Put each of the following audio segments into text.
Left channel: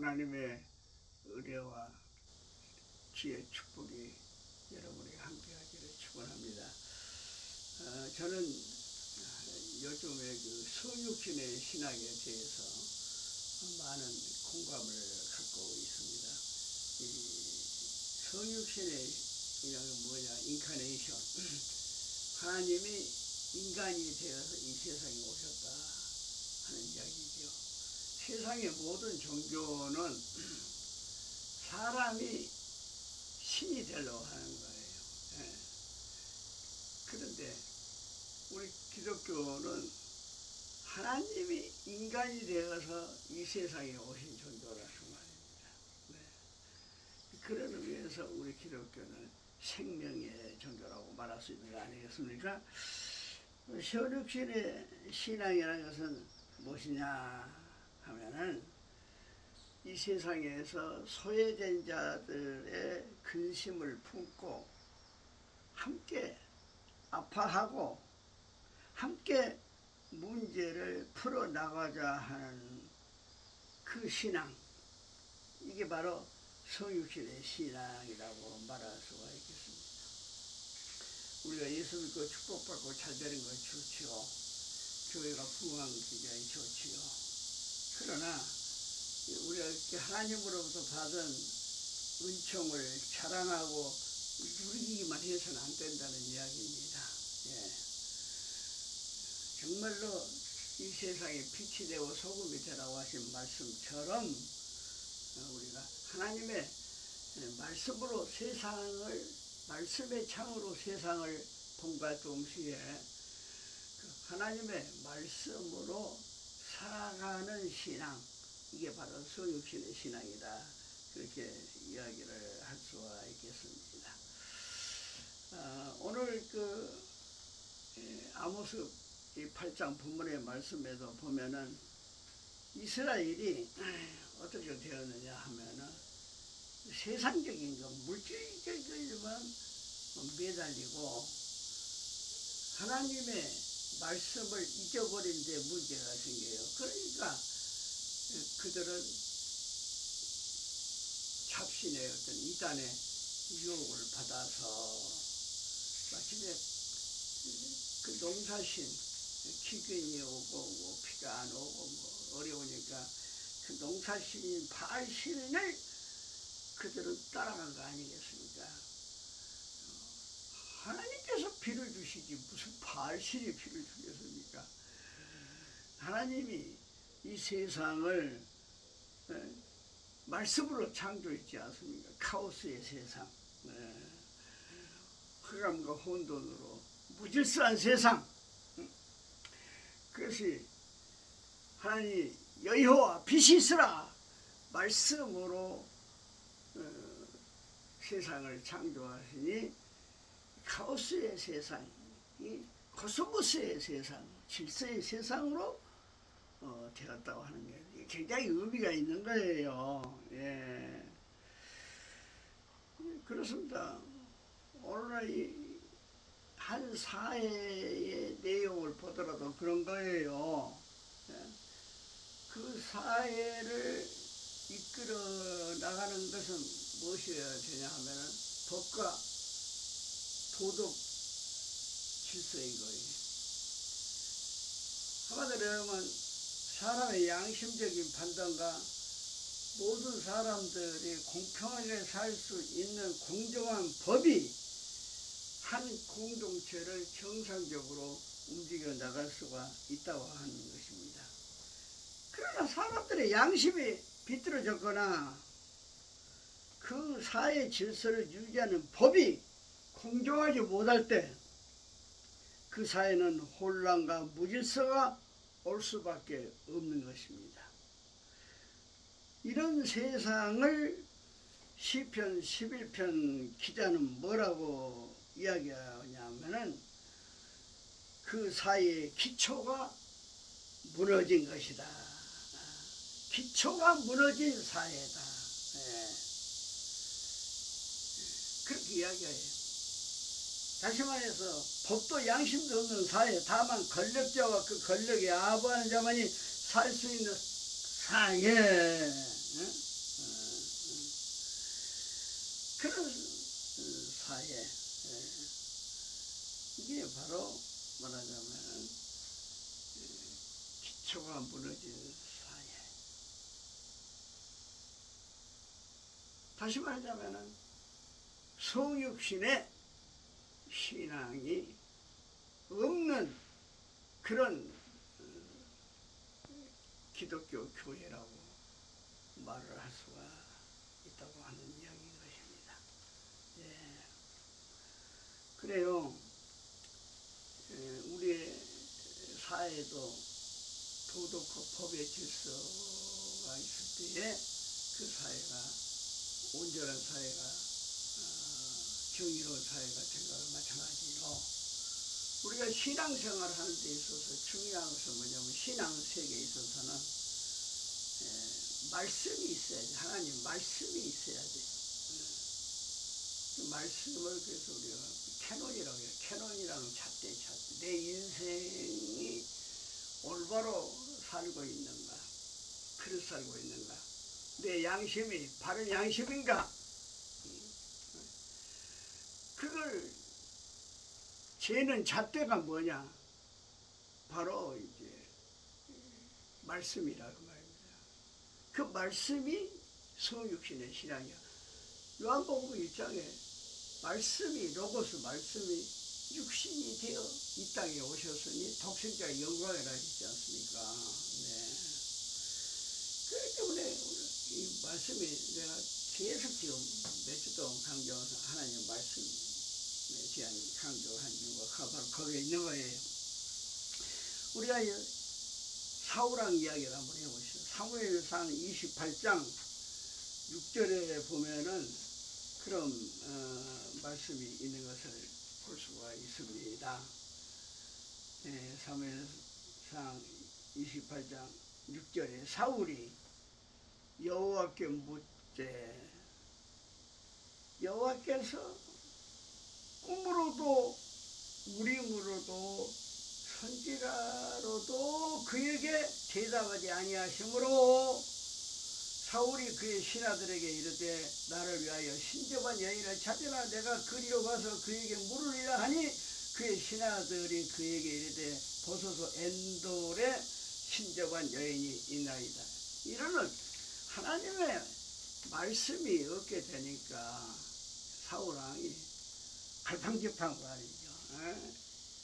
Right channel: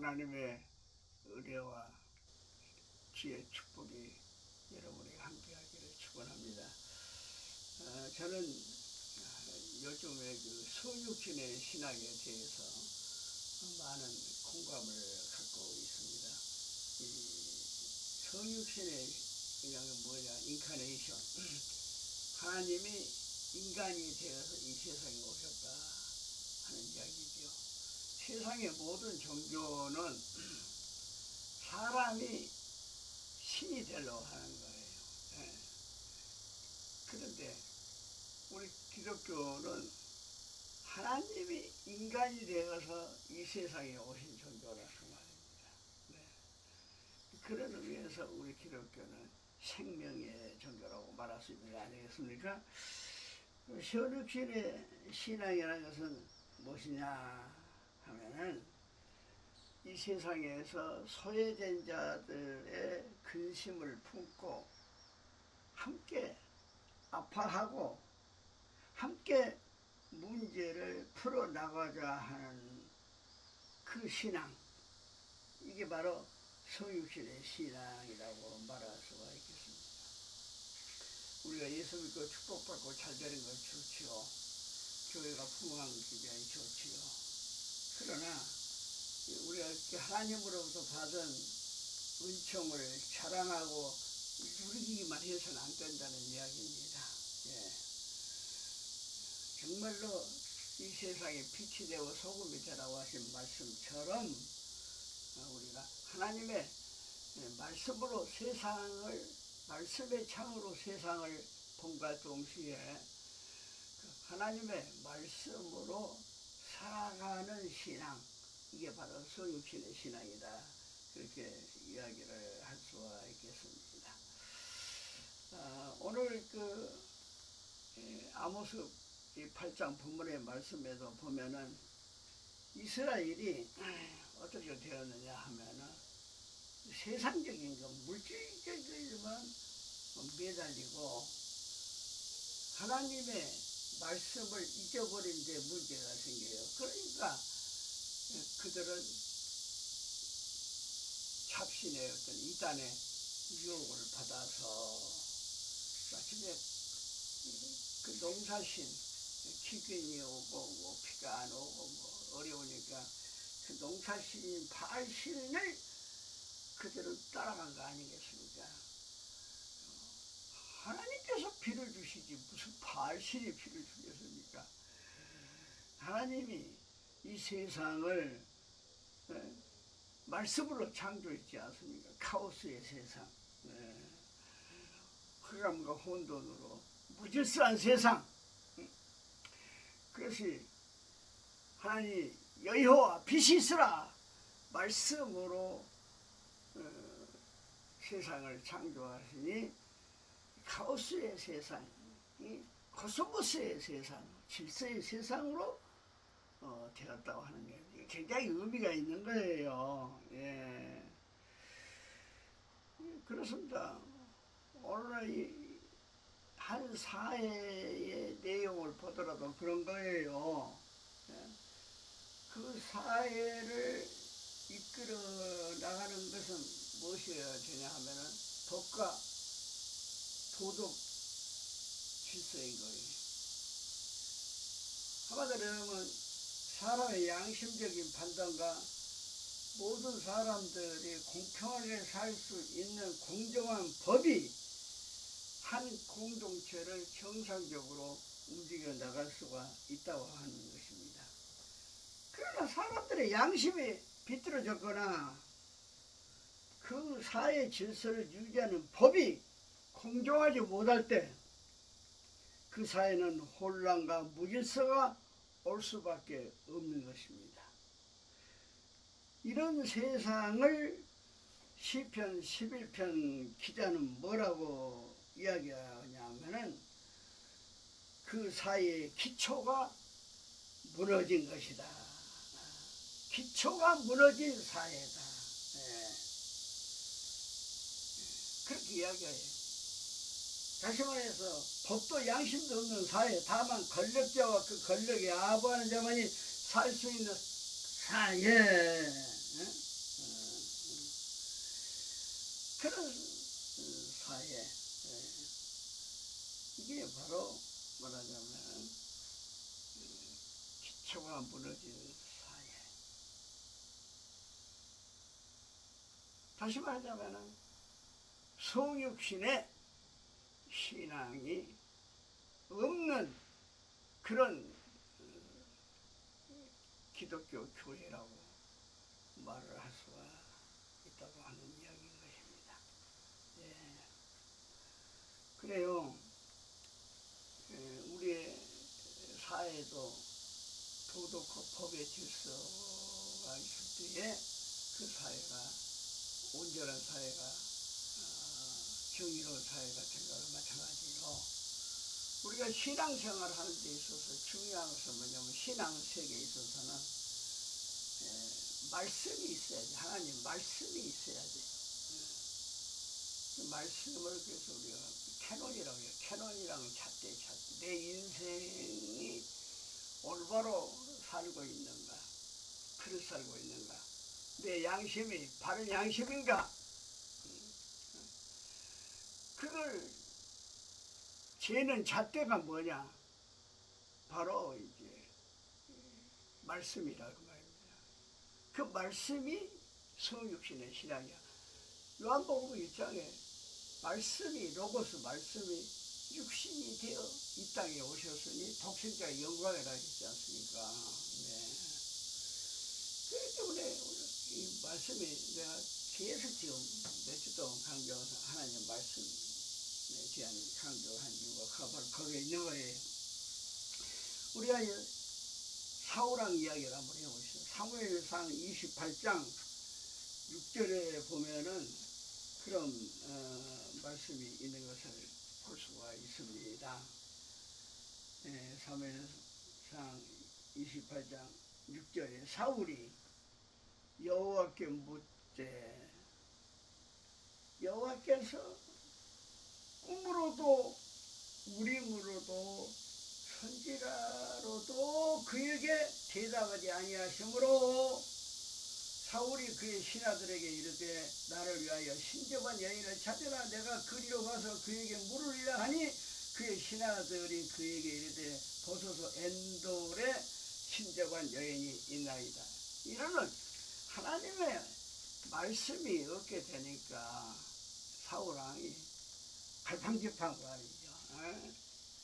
하나님의 은혜와 지혜 축복이 여러분에게 함께하기를 축원합니다. 저는 요즘에 그 성육신의 신학에 대해서 많은 공감을 갖고 있습니다. 이 성육신의 이름은 뭐냐? 인카네이션. 하나님이 인간이 되어서 이 세상에 오셨다 하는 이야기죠. 세상의 모든 종교는 사람이 신이 되려고 하는 거예요. 예. 그런데 우리 기독교는 하나님이 인간이 되어서 이 세상에 오신 종교라서 말입니다. 네. 그런 의미에서 우리 기독교는 생명의 종교라고 말할 수 있는 거 아니겠습니까? 성육신의 신앙이라는 것은 무엇이냐 하면은 이 세상에서 소외된 자들의 근심을 품고 함께 아파하고 함께 문제를 풀어나가자 하는 그 신앙, 이게 바로 성육신의 신앙이라고 말할 수가 있겠습니다. 우리가 예수 믿고 축복받고 잘 되는 건 좋지요. 교회가 풍성한 굉장히 좋지요. 그러나 우리가 하나님으로부터 받은 은총을 자랑하고 누리기만 해서는 안 된다는 이야기입니다. 예. 정말로 이 세상에 빛이 되고 소금이 되라고 하신 말씀처럼 우리가 하나님의 말씀으로 말씀의 창으로 세상을 본과 동시에 하나님의 말씀으로 살아가는 신앙, 이게 바로 성육신의 신앙이다, 그렇게 이야기를 할 수가 있겠습니다. 오늘 아모스 8장 본문의 말씀에도 보면은 이스라엘이 어떻게 되었느냐 하면은 세상적인 물질적인만 매달리고 하나님의 말씀을 잊어버린 데 문제가 생겨요. 그러니까 그들은 잡신의 어떤 이단의 유혹을 받아서 마침내 그 농사신 기근이 오고 비가 안 오고 어려우니까 그 농사신인 바알신을 그들은 따라간 거 아니겠습니까? 하나님께서 비를 주시지 무슨 바알신이 비를 주겠습니까? 하나님이 이 세상을 말씀으로 창조했지 않습니까? 카오스의 세상, 흑암과 혼돈으로 무질서한 세상. 그것이 하나님 여호와 빛이 있으라 말씀으로 세상을 창조하시니 카오스의 세상, 이 코스모스의 세상, 질서의 세상으로 되었다고 하는 게 굉장히 의미가 있는 거예요. 예. 그렇습니다. 오늘날 한 사회의 내용을 보더라도 그런 거예요. 예. 그 사회를 이끌어 나가는 것은 무엇이어야 되냐 하면은 법과 도덕 질서인 거예요. 한마디로 하면 사람의 양심적인 판단과 모든 사람들이 공평하게 살 수 있는 공정한 법이 한 공동체를 정상적으로 움직여 나갈 수가 있다고 하는 것입니다. 그러나 사람들의 양심이 비뚤어졌거나 그 사회 질서를 유지하는 법이 공정하지 못할 때 그 사회는 혼란과 무질서가 올 수밖에 없는 것입니다. 이런 세상을 시편 11편 기자는 뭐라고 이야기하냐면은 그 사회의 기초가 무너진 것이다. 기초가 무너진 사회다. 그렇게 이야기해요. 다시 말해서 법도 양심도 없는 사회, 다만 권력자와 그 권력에 아부하는 자만이 살 수 있는 사회, 그런 사회, 이게 바로 말하자면 기초가 무너진 사회. 다시 말하자면 성육신의 신앙이 없는 그런 기독교 교회라고 말을 할 수가 있다고 하는 이야기인 것입니다. 예. 그래요. 우리의 사회도 도덕과 법의 질서가 있을 때에 그 사회가 온전한 사회가 정의로운 사회가 된 거나 마찬가지로 우리가 신앙생활 하는 데 있어서 중요한 것은 뭐냐면 신앙 세계에 있어서는 말씀이 있어야지. 하나님 말씀이 있어야지. 그 말씀을 그래서 우리가 캐논이라고 해요. 캐논이라는 잣대. 내 인생이 올바로 살고 있는가? 그릇 살고 있는가? 내 양심이 바른 양심인가? 그걸 재는 잣대가 뭐냐? 바로 이제 말씀이라고 말입니다. 그 말씀이 성육신의 신앙이야. 요한복음 1장에 말씀이 로고스 말씀이 육신이 되어 이 땅에 오셨으니 독생자의 영광이라 했지 않습니까? 네. 그렇기 때문에 이 말씀이 내가 계속 지금 몇 주 동안 강조하면서 하나님 말씀에 대한 강조한 이유가 바로 거기에 있는 거예요. 우리가 사울왕 이야기를 한번 해보시죠. 사무엘상 28장 6절에 보면은 그런 말씀이 있는 것을 볼 수가 있습니다. 사무엘상 28장 6절에 사울이 여호와께 묻되 여호와께서 꿈으로도 우림으로도 선지자로도 그에게 대답하지 아니하시므로 사울이 그의 신하들에게 이르되 나를 위하여 신접한 여인을 찾으라. 내가 그리로 가서 그에게 물으리라 하니 그의 신하들이 그에게 이르되 보소서 엔돌에 신접한 여인이 있나이다. 이러는 하나님의 말씀이 없게 되니까 사울왕이 갈팡질팡 말이죠.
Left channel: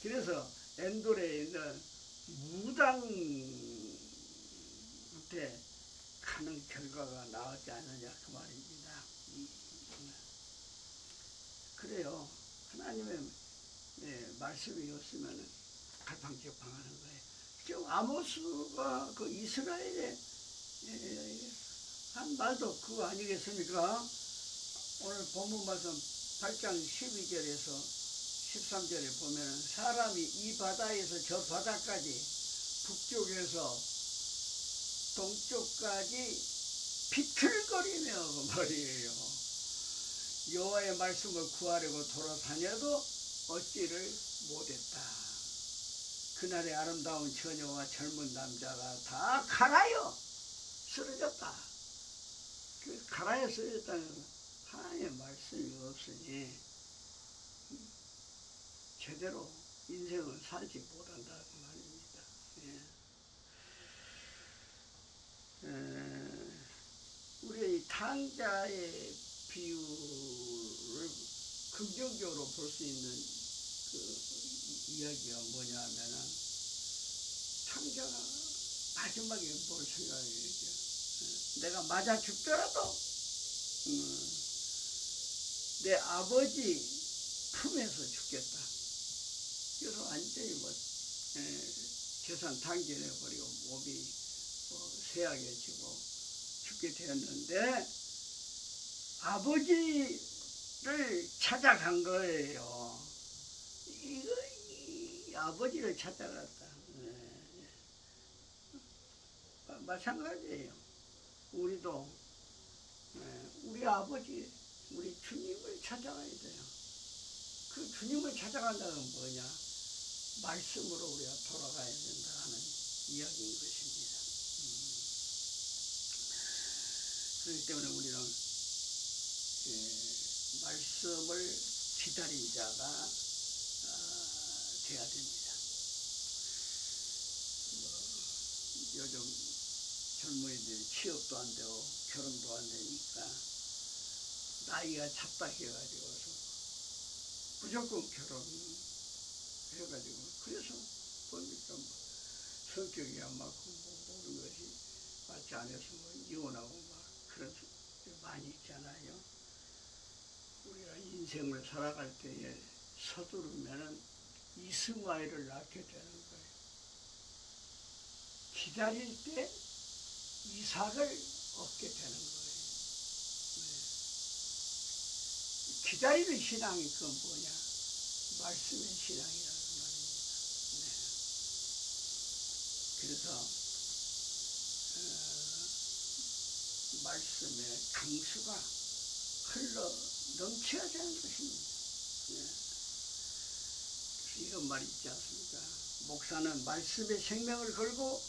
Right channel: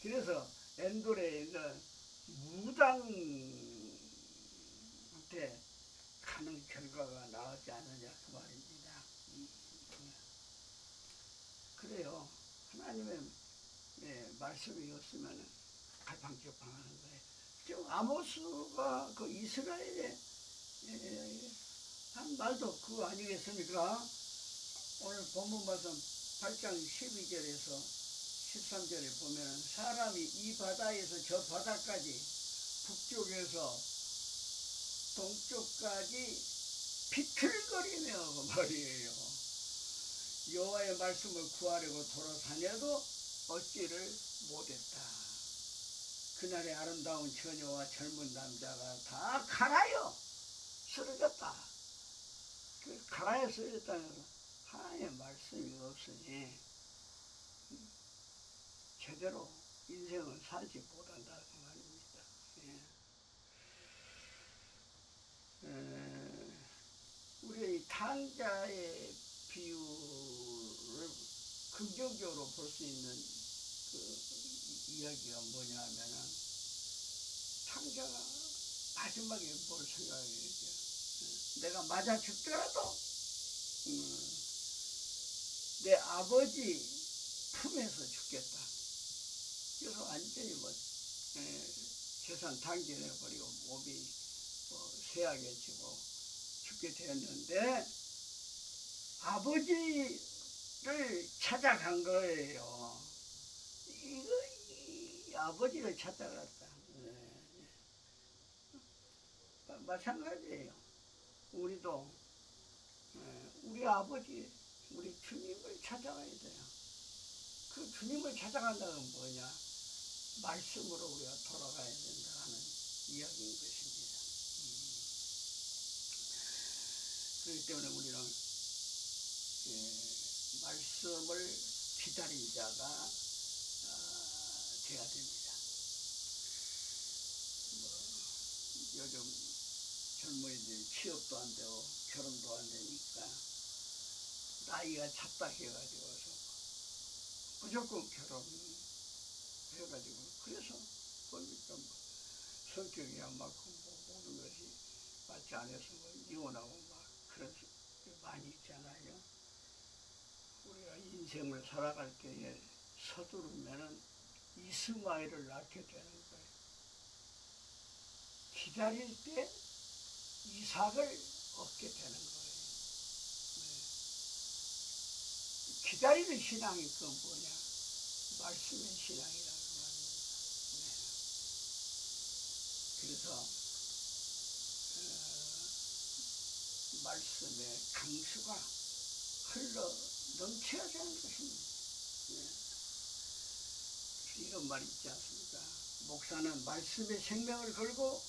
그래서 엔돌에 있는 무당한테 가는 결과가 나오지 않느냐 그 말입니다. 그래요. 하나님의 말씀이 없으면 갈팡질팡하는 거예요. 지금 아모스가 그 이스라엘에 한 말도 그거 아니겠습니까? 오늘 본문 말씀 8장 12절에서 13절에 보면 사람이 이 바다에서 저 바다까지 북쪽에서 동쪽까지 비틀거리며 그 말이에요. 여호와의 말씀을 구하려고 돌아다녀도 얻지를 못했다. 그날의 아름다운 처녀와 젊은 남자가 다 가라여 쓰러졌다. 그 가라여 쓰러졌다는 것은 하나님의 말씀이 없으니 제대로 인생을 살지 못한다는 말입니다. 우리의 탕자의 비유를 긍정적으로 볼 수 있는 그 이야기가 뭐냐 하면은 탕자가 마지막에 뭘 생각해야죠. 내가 맞아 죽더라도 내 아버지 품에서 죽겠다. 그래서 완전히 재산 탕진해버리고 몸이 쇠약해지고 죽게 되었는데 아버지를 찾아간 거예요. 이 아버지를 찾아갔다. 마찬가지예요. 우리도 우리 아버지, 우리 주님을 찾아가야 돼요. 그 주님을 찾아간다는 건 뭐냐? 말씀으로 우리가 돌아가야 된다 하는 이야기인 것입니다. 그렇기 때문에 우리는 말씀을 기다린 자가 돼야 됩니다. 요즘 젊은이들이 취업도 안 되고 결혼도 안 되니까 나이가 찼다 해가지고서 무조건 결혼해가지고 그래서 보니까 성격이 안 맞고 모든 것이 맞지 않아서 이혼하고 막 그런 많이 있잖아요. 우리가 인생을 살아갈 때에 서두르면은 이스마엘을 낳게 되는 거예요. 기다릴 때 이삭을 얻게 되는 거예요. 네. 기다리는 신앙이 그건 뭐냐? 말씀의 신앙이라는 말입니다. 네. 그래서 말씀의 강수가 흘러 넘쳐야 되는 것입니다. 네. 그래서 이런 말이 있지 않습니까? 목사는 말씀의 생명을 걸고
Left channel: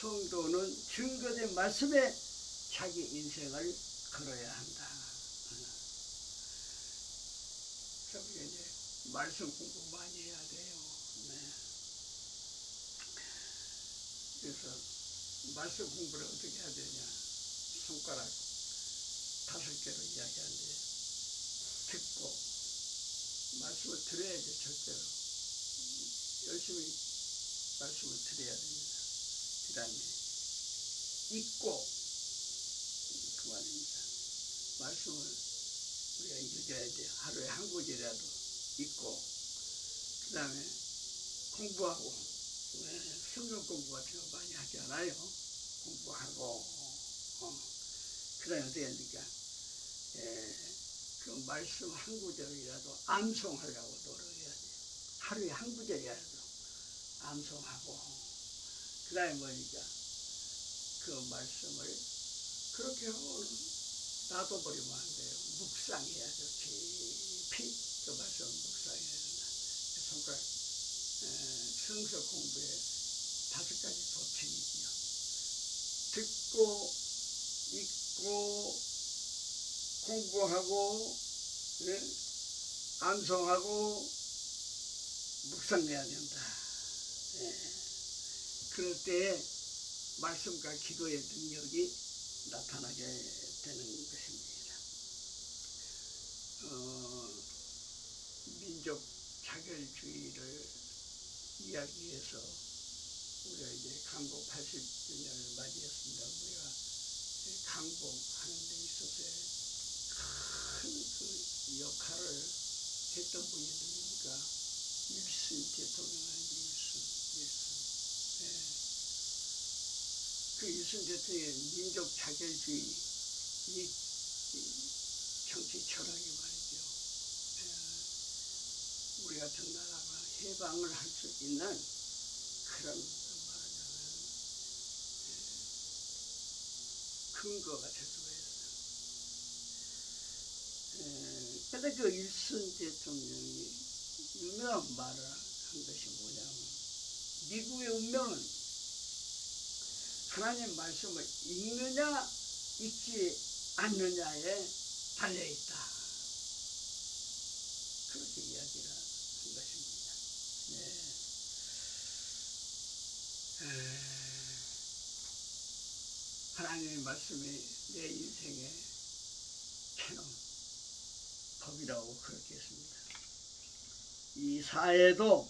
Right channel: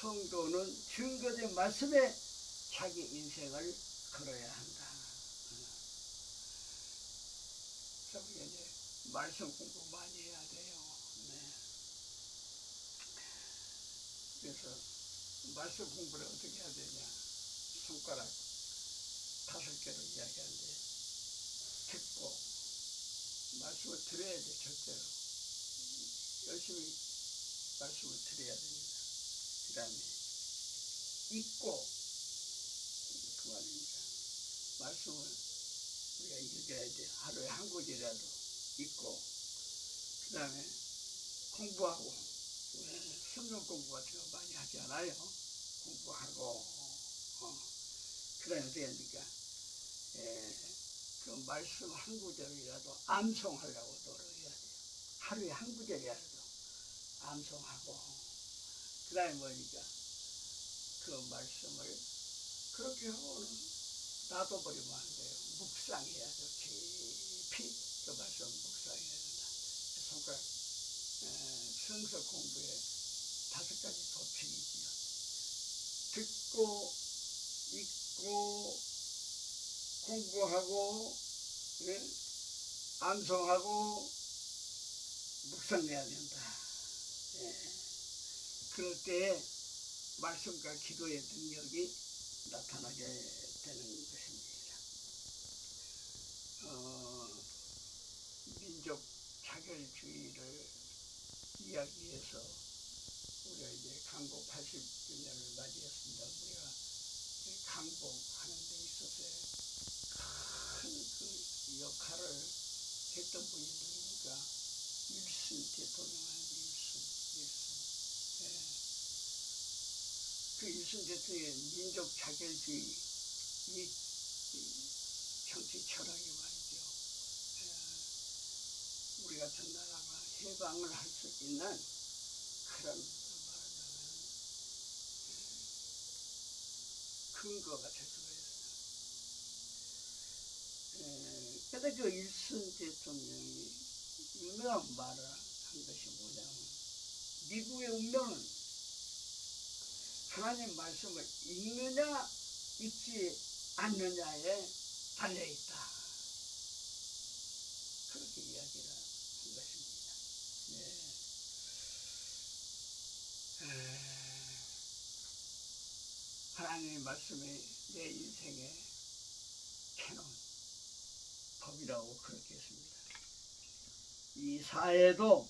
성도는 증거된 말씀에 자기 인생을 걸어야 한다. 그래서 우리가 이제 말씀 공부 많이 해야 돼요. 네. 그래서 말씀 공부를 어떻게 해야 되냐? 손가락 5개로 이야기하는데 듣고 말씀을 들어야죠. 절대로 열심히 말씀을 들어야 됩니다. 그 다음에 읽고 그 말입니다. 말씀을 우리가 읽어야 돼요. 하루에 한 구절이라도 읽고 그 다음에 공부하고 성경 공부 같은 거 많이 하잖아요. 공부하고 그 다음에 어떻게 하니까 그 말씀 한 구절이라도 암송하려고 노력해야 돼요. 하루에 한 구절이라도 암송하고 그 다음에 뭐니까 그 말씀을 그렇게 하고는 놔둬버리면 안 돼요. 묵상해야죠. 깊이 그 말씀 묵상해야 된다. 손가락 성서 공부에 5가지 법칙이지요. 듣고 읽고 공부하고 암송하고 묵상해야 된다. 그럴 때 말씀과 기도의 능력이 나타나게 되는 것입니다. 민족 차별주의를 이야기해서 우리가 이제 강복 80주년을 맞이했습니다. 우리가 강복하는 데 있어서 큰 그 역할을 했던 분이 누굽니까? 일순 대통령입니다. 일순. 그 일순 대통령의 민족 차별주의 이 정치 철학이 말이죠. 우리 같은 나라가 해방을 할 수 있는 그런 말하자면 근거가 될 수가 있어요. 근데 그 일순 대통령이 유명한 말을 한 것이 뭐냐면 미국의 운명은 하나님 말씀을 읽느냐 읽지 않느냐에 달려있다. 그렇게 이야기를 한 것입니다. 하나님의 말씀이 내 인생의 캐논 법이라고 그렇게 했습니다. 이 사회도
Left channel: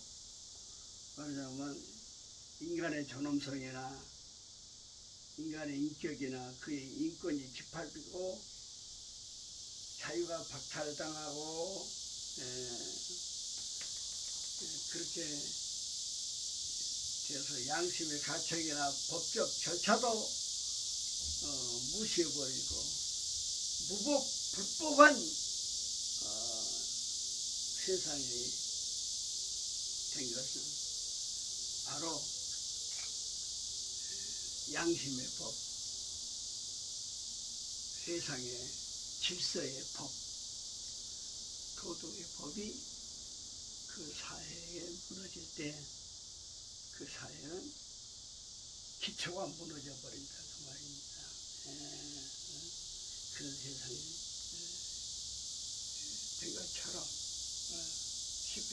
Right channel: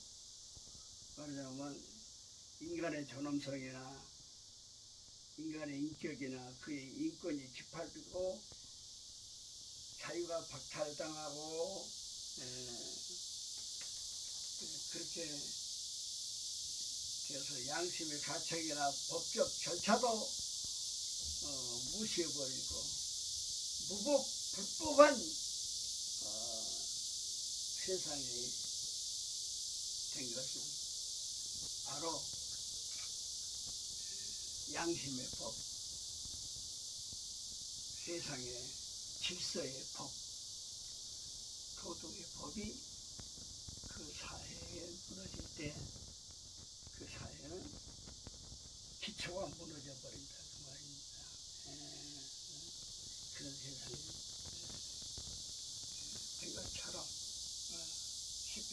말하자면 인간의 존엄성이나 인간의 인격이나 그의 인권이 짓밟히고 자유가 박탈당하고 그렇게 되어서 양심의 가책이나 법적 절차도 무시해버리고 불법한 세상이 된 것은 바로 양심의 법, 세상의 질서의 법, 도덕의 법이 그 사회에 무너질 때 그 사회는 기초가 무너져 버린다 그 말입니다. 그런 세상이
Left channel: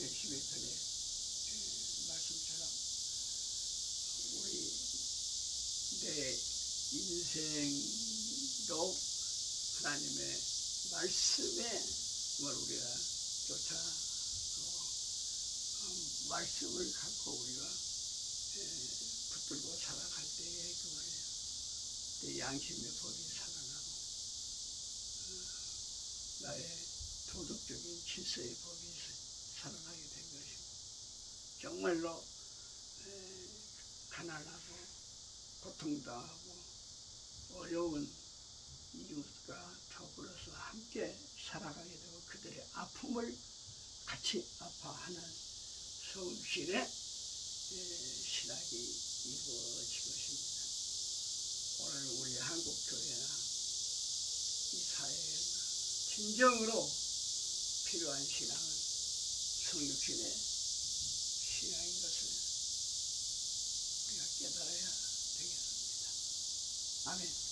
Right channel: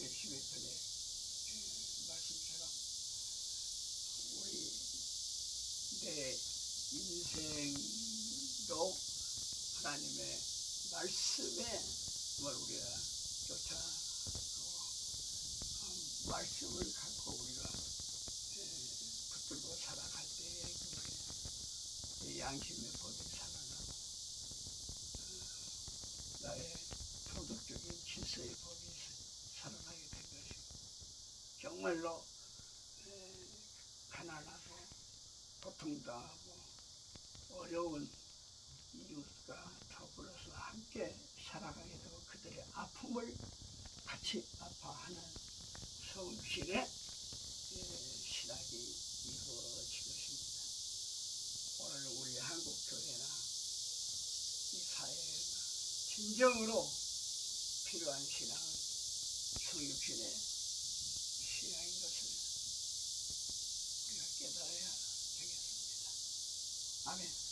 10회 전에 말씀처럼 우리 내 인생도 하나님의 말씀에 우리가 쫓아 말씀을 갖고 우리가 붙들고 살아갈 때에 내 양심의 법이 살아나고 나의 도덕적인 질서의 법이 살아나게 된 것이 정말로 가난하고 고통당하고 어려운 이웃과 더불어서 함께 살아가게 되고 그들의 아픔을 같이 아파하는 성실의 신학이 이루어질 것입니다. 오늘 우리 한국교회나 이 사회에 진정으로 필요한 신앙은 성육신의 신앙인 것을 우리가 깨달아야 되겠습니다. 아멘.